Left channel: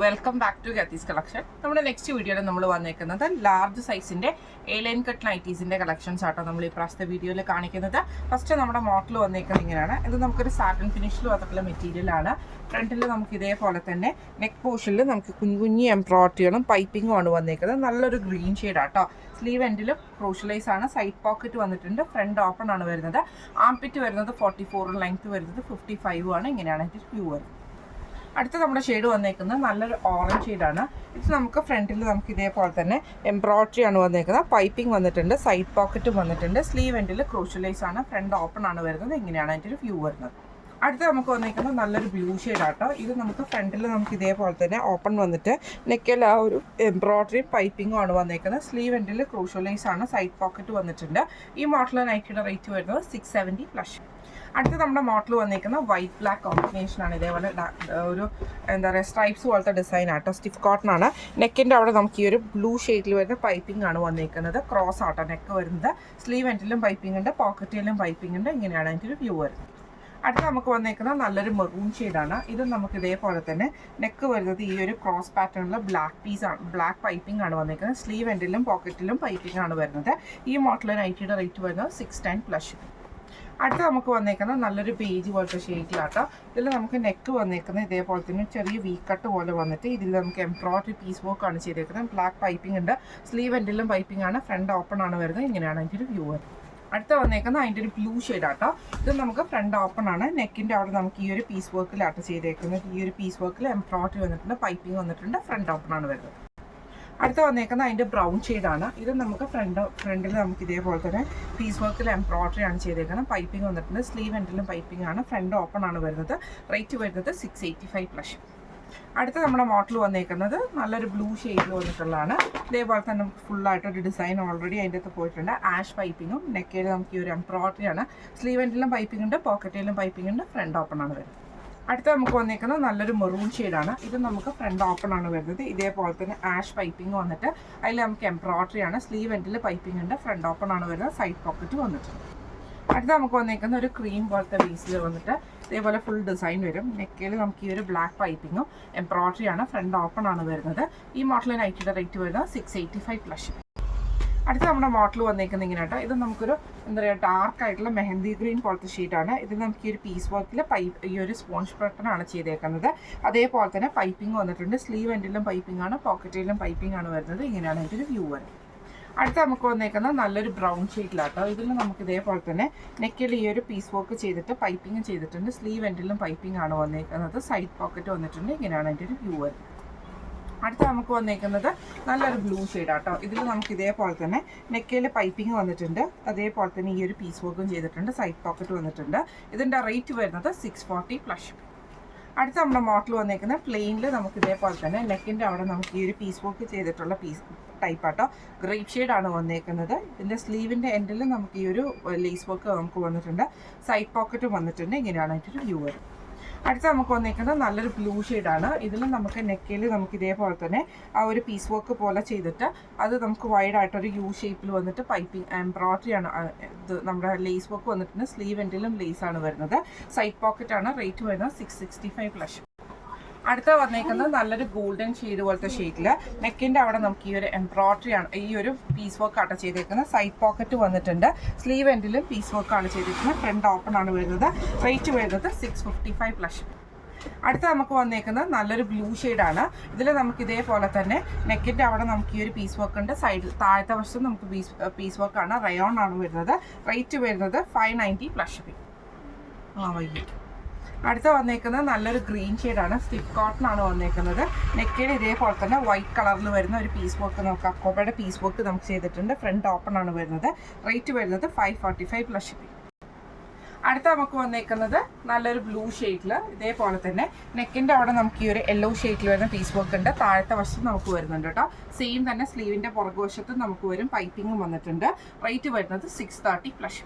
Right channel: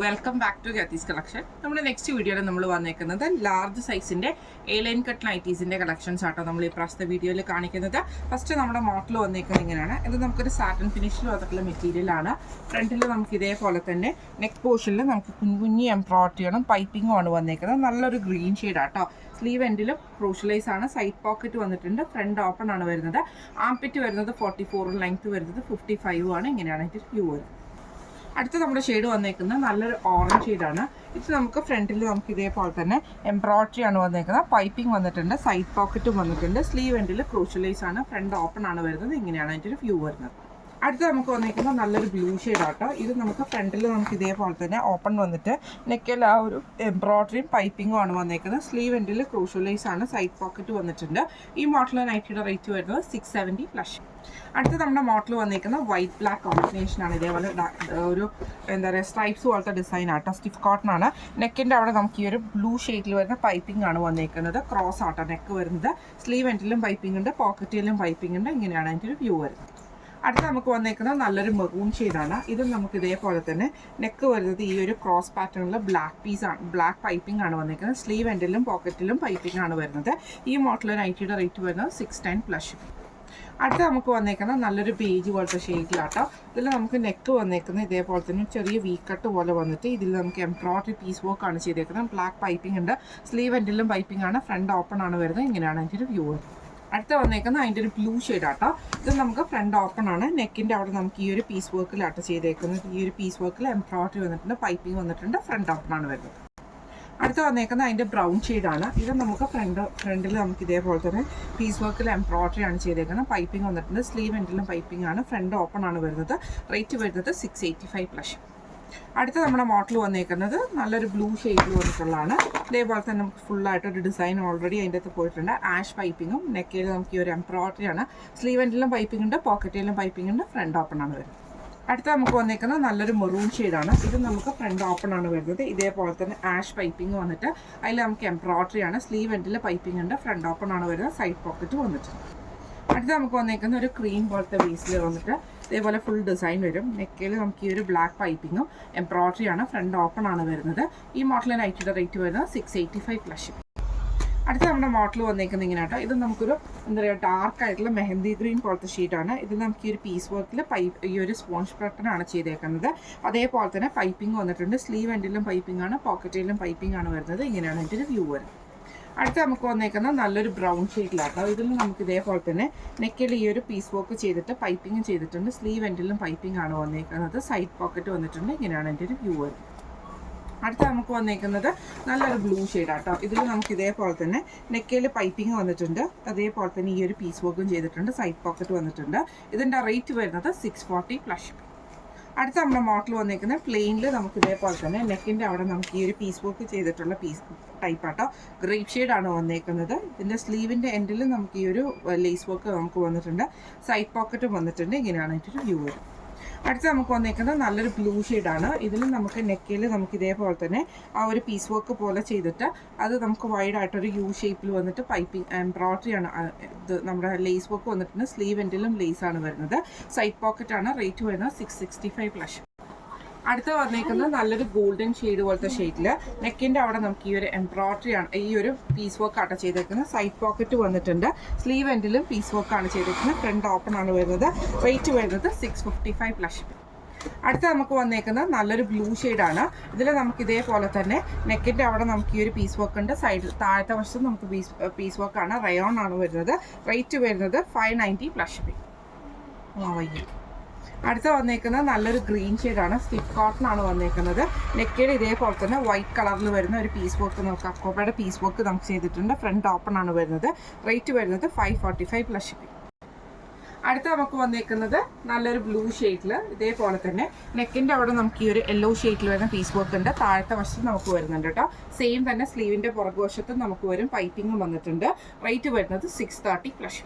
Welcome back to ഗത്തീസ് collection. നമ്മുടെ next വീഡിയോയിൽ നമ്മൾ വന്നേക്കുന്നത് ലാർജ് സൈസിൻ്റെ എ ലൈൻ കട്ട് നൈറ്റീസിൻ്റെ കളക്ഷൻസ് ആട്ടോ നമ്മൾ ഈ പ്രാവശ്യത്തെ വീഡിയോയിൽ കാണിക്കുന്നത്. ഫസ്റ്റ് നമ്മുടെ മോഡൽ വന്നേക്കുന്നത് ഇങ്ങനെയാണ്. ഇത് നമുക്കൊരു സാറ്റൻ ഫിനിഷിൽ വന്നിട്ടുള്ള മെറ്റീരിയലാണ്. ഫ്രണ്ടിൽ നമുക്ക് ഇതേപോലെ തന്നെ നെക്ക് പോർഷനിൽ നമുക്ക് കുഞ്ഞു എംബ്രോയിഡറിയും പൈപ്പിങ്ങും ആണ് വന്നേക്കുന്നത്. നല്ലൊരു ഗ്രീൻ ഷെയ്ഡാട്ടോ. സ്ലീവ് എൻഡിൽ ക്രൂഷ്യലൈസ് ആണ്. സൈഡ് പോക്കറ്റ് വന്നിട്ടുണ്ട്. ഫ്രണ്ട് ഓപ്പൺ ആണ് വരുന്നത്. ആംപിറ്റ് വരുന്നത് 44, ലെങ്ത് വരുന്നത് 55 ആണ്. ഇങ്ങനെയാണ് ഇതിൻ്റെ വ്യൂ വരുന്നത്. അടുത്ത നമ്മുടെ ഷെയ്ഡ് വന്നേക്കുന്നത് നല്ലൊരു ഓറഞ്ച് ഷെയ്ഡാണ്. ഇത് നമുക്ക് ഫ്രണ്ടിൽ നമുക്ക് ഇതേപോലെ തന്നെ എംബ്രോയിഡറി ആണ് വന്നേക്കുന്നത്. പൈപ്പിംഗ് വന്നിട്ടുണ്ട്. സൈഡ് പോക്കറ്റും വന്നിട്ടുണ്ട്. സ്ലീവ് എൻഡിൽ ക്രൂഷ്യലൈസ് ആണ്. ഫ്രണ്ട് ഓപ്പൺ ആണ് വരുന്നത്. ഇങ്ങനെയാണ് അതിൻ്റെ ഒരു വ്യൂ വരുന്നത്. അടുത്ത നമുക്ക് വന്നിരിക്കുന്നത് നല്ലൊരു ബ്ലൂ ഷെയ്ഡാട്ടോ. ഇത് നമുക്ക് ഫ്രണ്ടിൽ നമുക്ക് ഇതേപോലെ തന്നെ ഓപ്പൺ വന്നിട്ട് നെക്കിൽ ആ ഒരു എംബ്രോയിഡറിയും പൈപ്പിങ്ങും ആണ് വന്നേക്കുന്നത്. സ്ലീവ് എൻഡിൽ ക്രൂഷ്യലൈസ് ആണ്. സൈഡ് പോക്കറ്റ് വന്നിട്ടുണ്ട്. ഈ മോഡൽ നൈറ്റിയുടെ റേറ്റ് വരുന്നത് 670 പ്ലസ്. അടുത്ത് നമ്മുടെ മോഡൽ വന്നിരിക്കുന്നത് വൈറ്റ് ബ്ലാക്ക് കോമ്പിനേഷനാണ്. ഇതേപോലെ ഒരു എന്താ പറയുക സ്ട്രൈപ്സ് പോലത്തെ ഡിസൈൻ ആട്ടോ. സ്റ്റിഫ് കോട്ടൺ ആണ്. നെക്കിൻ്റെ അവിടെ നമുക്ക് ഈ ഒരു ബ്ലൂ ഷെയ്ഡിൽ വരുന്ന പൈപ്പിംഗ് ആണ് വന്നിരിക്കുന്നത്. ക്രോസ് ആട്ടോ നെക്ക് വരുന്നത്. സ്ലീവ് എൻഡിലും പൈപ്പിംഗ് ഉണ്ട്. പോക്കറ്റിലും പൈപ്പിംഗ് ഉണ്ട്. ഇങ്ങനെയാണ് അതിൻ്റെ ഒരു വ്യൂ വരുന്നത്. അടുത്ത നമുക്ക് വന്നേക്കുന്നത് നല്ലൊരു മെറൂൺ ഷെയ്ഡാണ്. ഇത് നമുക്ക് ഇതേപോലെ തന്നെ നെക്ക് വരുന്നത് ഈ ഒരു ക്രോസ് പാറ്റേണിൽ ബ്ലാക്ക് പൈപ്പിംഗ് ആണ് വന്നിരിക്കുന്നത്. സ്ലീവ് എൻഡിലും പോക്കറ്റിലും പൈപ്പിംഗ് ആണ് വരുന്നത്. ഈ മോഡൽ നൈറ്റിയുടെ റേറ്റ് വരുന്നത് 610 പ്ലസ്. അടുത്ത നമുക്ക് വന്നേക്കുന്നത് നല്ലൊരു ബേജ് പോലത്തെ ഷെയ്ഡിലാട്ടോ. ഇതിൽ നമുക്ക് നെക്ക് വന്നേക്കുന്നത് ഇതേപോലെ തന്നെ ചെറിയ വി കട്ട് പോലെ വന്നിട്ട് ഇതിൽ നമുക്ക് എംബ്രോയിഡറി പീസ് വർക്ക് ആണ് ചെയ്തേക്കുന്നത്. ബ്ലാക്ക് പൈപ്പിംഗ് ഉണ്ട്. സ്ലീവ് എൻഡിലും പൈപ്പിംഗ് ആണ്. ഫ്രണ്ട് ഓപ്പൺ ആണ് വരുന്നത്. ഇങ്ങനെയാണ് അതിൻ്റെ ഒരു വ്യൂ വരുന്നത്. അടുത്ത വന്നേക്കുന്നത് അതിൻ്റെ ഒരു ബ്ലൂ ഷെയ്ഡാട്ടോ. ഇത് നമുക്ക് ഫ്രണ്ട് ഓപ്പൺ ആണ്. നെക്കിൻ്റെ അവിടെ നമുക്ക് ഈ ഒരു പീസ് വർക്കിലാട്ടോ ചെയ്തേക്കുന്നത്. ഈ ഒരു പീസ് വർക്കിൽ എംബ്രോയിഡറി വന്നിട്ടുണ്ട്. പൈപ്പിംഗ് വന്നിട്ടുണ്ട്. ഫ്രണ്ട് ഓപ്പൺ ആണ് വരുന്നത്. അടുത്ത വന്നേക്കുന്നത് അതിൻ്റെ ബ്രൗൺ ഷെയ്ഡാണ്. ഇത് നമുക്ക് ഫ്രണ്ടിൽ നമുക്ക് ഇതേപോലെ തന്നെ പീസ് വർക്കിൽ എംബ്രോയിഡറി ആണ് ചെയ്തേക്കുന്നത്. പൈപ്പിംഗ് വന്നിട്ടുണ്ട്. സ്ലീവ് എൻഡിലും പൈപ്പിംഗ് ആണ്. ഫ്രണ്ട് ഓപ്പൺ ആണ് വരുന്നത്. റേറ്റ് വരുന്നത് 685 പ്ലസ്. അടുത്ത നമ്മുടെ മോഡൽ വന്നേക്കുന്നത് നല്ലൊരു ബ്ലൂ ഷെയ്ഡിൽ വന്നിട്ടുള്ളതാണ്. ഇതേപോലെ തന്നെ നമുക്ക് ഫുള്ളായിട്ടൊരു ഡിസൈൻ ഓൾറെഡി അതിൻ്റെ അകത്ത് പോയിട്ടുണ്ട്. ആഷ് പൈപ്പിങ്ങും നെക്കയിൽ നമുക്ക് ഈ ഒരു എംബ്രോയിഡറി ആണ്. സ്ലീവ് എൻഡിലും പൈപ്പിംഗ് ഉണ്ട്. പോക്കറ്റിലും പൈപ്പിംഗ് ഉണ്ട്. ഫ്രണ്ട് ഓപ്പൺ ആണ് വരുന്നത്. അടുത്ത നമുക്ക് വന്നേക്കുന്നത് നല്ലൊരു മെറൂൺ ഷെയ്ഡാണ്. ഇത് നമുക്ക് ഫ്രണ്ട് ഓപ്പൺ ആണ് വരുന്നത്. ഇതേപോലെ തന്നെ ആഷ് പൈപ്പിംഗ് വന്നിട്ട് അതിൽ നമുക്ക് എംബ്രോയിഡറി ആണ്. സ്ലീവ് എൻഡിൽ പൈപ്പിംഗ് ഉണ്ട്. ഫ്രണ്ട് ഓപ്പൺ ആണ് വരുന്നത്. സൈഡ് പോക്കറ്റ് വന്നിട്ടുണ്ട്. അടുത്ത നമുക്ക് വന്നേക്കുന്ന ഒരു ക്രീം പോലത്തെ ബേസിൽ വന്നിട്ട് ഇതേപോലെ ഫുൾ ഡിസൈൻ വരും. നെക്കയിൽ നമുക്ക് ഈ ഒരു ബ്ലാക്ക് പൈപ്പിങ്ങും എംബ്രോയിഡറി ആണ്. ഫ്രണ്ട് ഓപ്പൺ ആണ് വരുന്നത്. ഈ മോഡൽ നൈറ്റിയുടെ റേറ്റ് വരുന്നത് 685 പ്ലസ്. അടുത്ത നമ്മുടെ മോഡൽ വന്നേക്കുന്നത് ഇങ്ങനെ കേട്ടോ. ഇത് നമുക്കൊരു എന്താ പറയുക ഡാർക്ക് ആയിട്ടുള്ള മെഹന്തി ഗ്രീൻ പോലത്തെ ഷീറ്റാണ്. ഇതിൽ നമുക്ക് ഈ ഒരു പീസ് വർക്കിൽ ഈ ഒരു സ്പോഞ്ച് ബട്ടൺ ആണ് ചെയ്തേക്കുന്നത്. അതേപോലെ തന്നെ പൈപ്പിംഗ് വന്നിട്ടുണ്ട്. സ്ലീവ് എൻഡിലും പൈപ്പിംഗ് ആണ്. പോക്കറ്റിലും പൈപ്പിംഗ് ആണ് വരുന്നത്. ഇങ്ങനെയാണ് അതിൻ്റെ ഒരു വ്യൂ വരുന്നത്. അടുത്ത നമുക്ക് വന്നേക്കുന്നത് നല്ലൊരു ബ്രൗൺ ഷെയ്ഡിലാട്ടോ. ഇതിൽ നമുക്ക് ഇതേപോലെ തന്നെ നെക്കിൽ ഈ ഒരു പീസ് വർക്ക് ചെയ്തിട്ട് പൈപ്പിംഗ് ചെയ്തിട്ടുണ്ട്. സ്ലീവ് എൻഡിലും പൈപ്പിംഗ് ആണ് വന്നേക്കുന്നത്. സൈഡ് പോക്കറ്റ് വന്നിട്ടുണ്ട്. ഇങ്ങനെയാണ് അതിൻ്റെ ഒരു വ്യൂ വരുന്നത്. അടുത്ത നമുക്ക് വന്നേക്കുന്നത് നല്ലൊരു ബ്ലൂ ഷെയ്ഡാട്ടോ. ഇതിൽ നമുക്ക് ഇതേപോലെ തന്നെ നെക്കയിൽ പൈപ്പിംഗ് വന്നിട്ടുണ്ട്. അതേപോലെ തന്നെ ഈ ഒരു പീസ് വർക്കും ചെയ്തിട്ടുണ്ട്. സൈഡ് പോക്കറ്റ് വന്നിട്ടുണ്ട്. ഇതിൻ്റെ റേറ്റ് വരുന്നത് 640 പ്ലസ്. അടുത്ത നമ്മുടെ മോഡൽ വന്നേക്കുന്നത് പ്ലെയിനിൽ നമുക്ക് ഇതേപോലെ തന്നെ നെക്കിൻ്റെ അവിടെ നമുക്ക് ഈ ഒരു പീസ് വർക്ക് ചെയ്തിട്ടുള്ള പീസ് ടൈപ്പാട്ടോ. ഗ്രേപ്പ് ഷെയ്ഡാണ് വന്നേക്കുന്നത്. ഇതിൻ്റെ സ്ലീവിൻ്റെ എൻഡിൽ നമുക്ക് ഈ ഒരു ലേസ് വർക്ക് നമുക്ക് വന്നിട്ടുണ്ട്. സൈഡ് പോക്കറ്റും വന്നിട്ടുണ്ട്. ഇങ്ങനെയാണ് അതിൻ്റെ വ്യൂ വരും. അടുത്ത നമുക്ക് വന്നേക്കുന്നത് നല്ലൊരു ബ്ലൂ ഷെയ്ഡാണ്. ഇതിൽ നമുക്ക് നെക്കിൽ നമുക്ക് ഇതേപോലെ തന്നെ ആ ഒരു പീസ് വർക്ക് പോലെ ചെയ്തിട്ട് അത് നമുക്ക് വൈഡായിട്ടൊരു യു ഷേപ്പിൽ വന്നിട്ട് പൈപ്പിംഗ് എംബ്രോയിഡറി ആണ്. ഇത് നമ്മുടെ ലേസ് വർക്ക് വന്നിട്ടുണ്ട്. സ്ലീവ് എൻഡിലും ലേസ് ആണ് വരുന്നത്. സൈഡ് പോക്കറ്റ് ആണ്. റേറ്റ് വരുന്നത് 665 പ്ലസ്. അടുത്ത വന്നേക്കുന്നത് നല്ലൊരു ഗോൾഡൻ ഷെയ്ഡ് പോലത്തെ ഷെയ്ഡിൽ നെക്കിൻ്റെ അവിടെ നമുക്ക് ഈ ഒരു എംബ്രോയിഡറി ആണ്. ഈ ഒരു പീസ് വർക്ക് ആട്ടോ ചെയ്തേക്കുന്നത്. സൈഡ് പോക്കറ്റ് വന്നിട്ടുണ്ട്. സ്ലീവ് എൻഡിലും പീസ് വർക്കാണ് ചെയ്തേക്കുന്നത്. ഫ്രണ്ട് ഓപ്പൺ ആണ് വരുന്നത്. റേറ്റ് വരുന്നത് 655 പ്ലസ്. അടുത്ത നമുക്ക് വന്നേക്കുന്നത് നല്ലൊരു ബ്ലൂ ഷെയ്ഡാണ്. ഇതിൽ നമുക്ക് ഇതേപോലെ തന്നെ നെക്കിൻ്റെ അവിടെ നമുക്ക് ഈ ഒരു പീസ് വർക്ക് ഉണ്ട്. സൈഡ് താഴത്തെ വശത്ത് നമുക്ക് പീസ് വർക്കാണ്. റയോൺ ആണ് വരുന്നത്. റേറ്റ് വരുന്നത് 590 പ്ലസ്. വൈകി അടുത്ത വന്നേക്കുന്നത് നല്ലൊരു ഗ്രീൻ ഷെയ്ഡാണ്. സ്റ്റിഫ് കോട്ടൺ ആണ് വന്നേക്കുന്നത്. നെക്കിൽ ഇതേപോലെ തന്നെ വൈറ്റ് കളറിൽ വരുന്ന ഒരു പീസ് വർക്ക് നമുക്ക് അക്കോബയുടെ പീസ് വർക്ക് നമുക്ക് ചെയ്തിട്ടുണ്ട്. ഫ്രണ്ട് ഓപ്പൺ ആണ് വരുന്നത്. റേറ്റ് വരുന്നത് 545 പ്ലസ്. അടുത്ത നമുക്ക് വന്നേക്കുന്നത് നല്ലൊരു ബ്ലൂ ഷെയ്ഡിൽ ഇതേപോലെ തന്നെ നെക്കിൻ്റെ അവിടെ നമുക്ക് ഈ ഒരു യെല്ലോ ഷെയ്ഡിൽ വരുന്ന പീസ് വർക്ക് ഉണ്ട്. താഴത്തെ വശത്ത് നമുക്ക് വരുന്നുണ്ട് കേട്ടോ. സെയിം തന്നെ സ്ലീവിൻ്റെ പുറകുവശത്തും നമുക്ക് വരും. പൈപ്പിങ്ങും വന്നിട്ടുണ്ട്. റേറ്റ് വരുന്നത് 630 പ്ലസ്.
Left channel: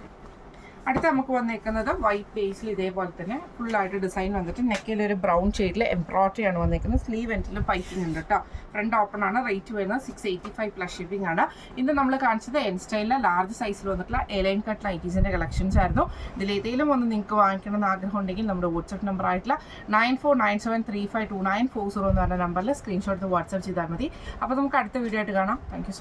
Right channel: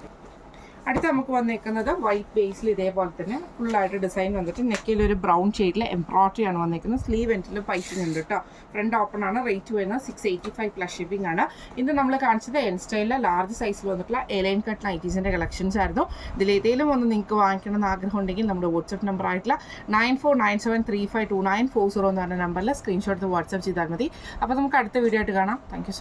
അടുത്ത നമുക്ക് വന്നേക്കുന്നത് വൈറ്റ് ബേസിൽ ഇതേപോലെ തന്നെ ഫുള്ളായിട്ട് ഡിസൈൻ വന്നിട്ട് നെക്കിൽ ഒരു ബ്രൗൺ ഷെയ്ഡിൽ എംബ്രോയിഡറി ആണ് വന്നേക്കുന്നത്. സ്ലീവ് എൻഡിലും പൈപ്പിംഗ് ഉണ്ട് കേട്ടോ. ഫ്രണ്ട് ഓപ്പൺ ആണ്. റേറ്റ് വരുന്നത് 685 പ്ലസ് ഷിപ്പിംഗ് ആണ്. ഇന്ന് നമ്മൾ കാണിച്ചത് എൻ സ്റ്റൈലിലെ ലാർജ് സൈസിൽ വന്നിട്ടുള്ള എലൈൻ കട്ട് നൈറ്റീസിൻ്റെ കളക്ഷൻസ് ആയിരുന്നു. ഇതിലേതെങ്കിലും ഒന്ന് നിങ്ങൾക്ക് വാങ്ങിക്കണമെന്ന് ആഗ്രഹം ഉണ്ടെങ്കിൽ നമ്മുടെ വാട്സപ്പ് നമ്പർ ആയിട്ടുള്ള 9497352940 എന്ന് പറഞ്ഞ നമ്പറിൽ സ്ക്രീൻഷോട്ട് വാട്സപ്പ് ചെയ്താൽ മതി. അപ്പോൾ നമുക്ക് അടുത്ത വീഡിയോ ആയിട്ട് കാണാം. Thank you so much.